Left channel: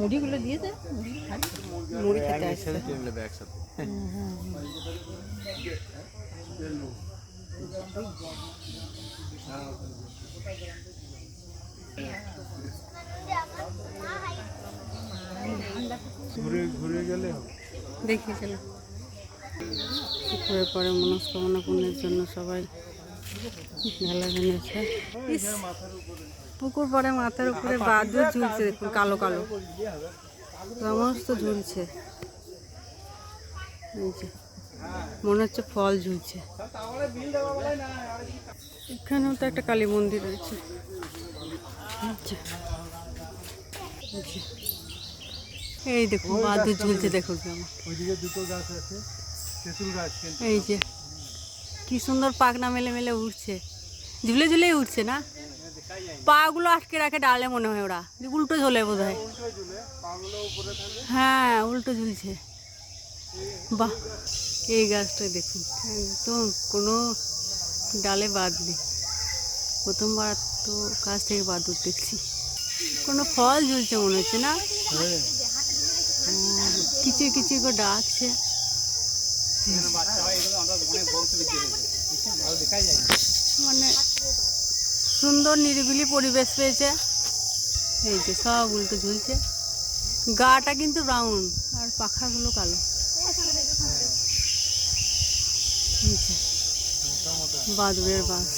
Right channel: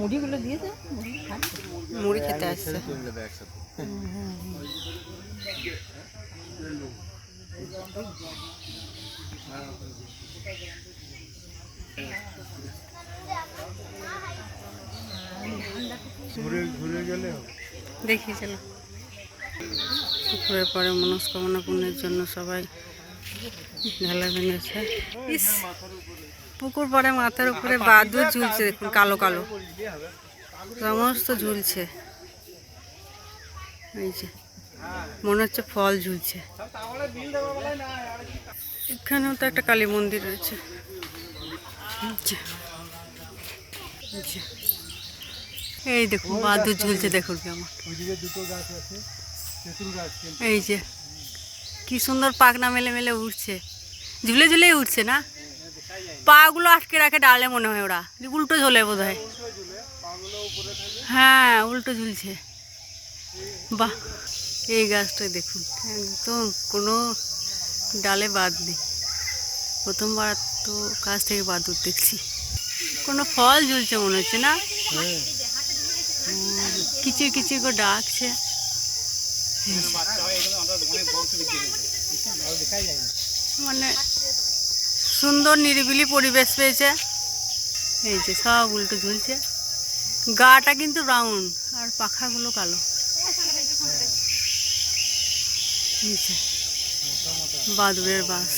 মুড়িগুলো দেখি চলো। পুকুরের পরে মনস্কামনা পূর্ণের জন্য সবাই ঢালা ভেঙেছে। পুকুর পরে মাথার উপরে বাদুর ঝুলছে, দেখুন, কালো কালো। সমস্ত ঝুলছে। এই যে, মনে হচ্ছে ফল ঝুলছে। এখানেও তো একটা কালী মন্দির রয়েছে। এই দেখুন, বাদুর ঝুলছে, দেখুন কেমন। এই যে, কি সুন্দর পাখনা মেলে মেলে উঠছে ঝুলে ঝুলেই উঠছে না? পাগুলো আটকে রাখে ডালে মনে হয় ওরা। উল্টো ঝোলে বোধ হয় হ্যাঁ উল্টো ঝুলছে। বাহ, এই গাছটা দেখুন। একদম কোনো ডালে বাদ নেই। প্রথমবার তো গাছ থেকে বাদুর দেখছি। কোনো ফল ঝুলছে মনে হচ্ছে না? কিচির কিচির করে ডাকছে। মানে সুন্দর নিরিবিলি পরিবেশ পেয়েছে। এই যে সব উল্টো ঝুলছে। গাটা কিন্তু ব্রাউন আর পাখাগুলো কালো। বাদুড়ের বাস।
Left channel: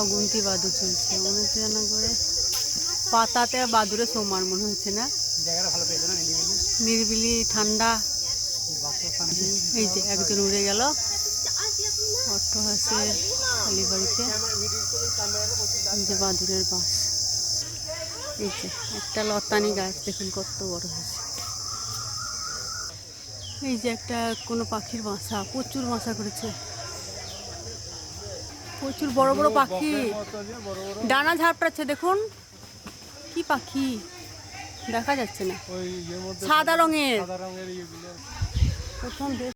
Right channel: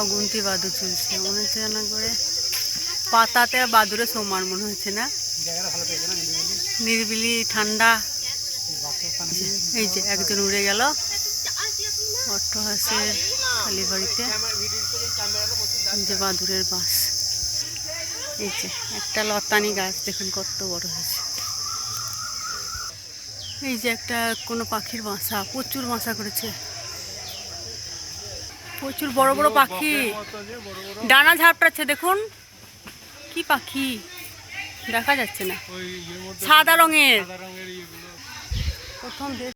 অগুন্তি বাদুর ঝুলছে মনে হচ্ছে না করে পাতাতে বাদুরে সমান মনে হচ্ছে না। নিরিবিলি ঠান্ডা। এই যে একজন উড়ে গেল। অট্টহাসের কালীবাড়িতে যে বাদুরের বাস। এই যে একটা লতানি গাছ, দেখুন কত বড় হয়েছে। এই যে একটা কোনো পাখির বাসা, প্রচুর বাসা করেছে। প্রচুর বড় বড় পাখি। ডানা ঝাপটাচ্ছে, দেখুন। কি পাখি? দেখা যাচ্ছে না। সাদা রঙের। প্রথম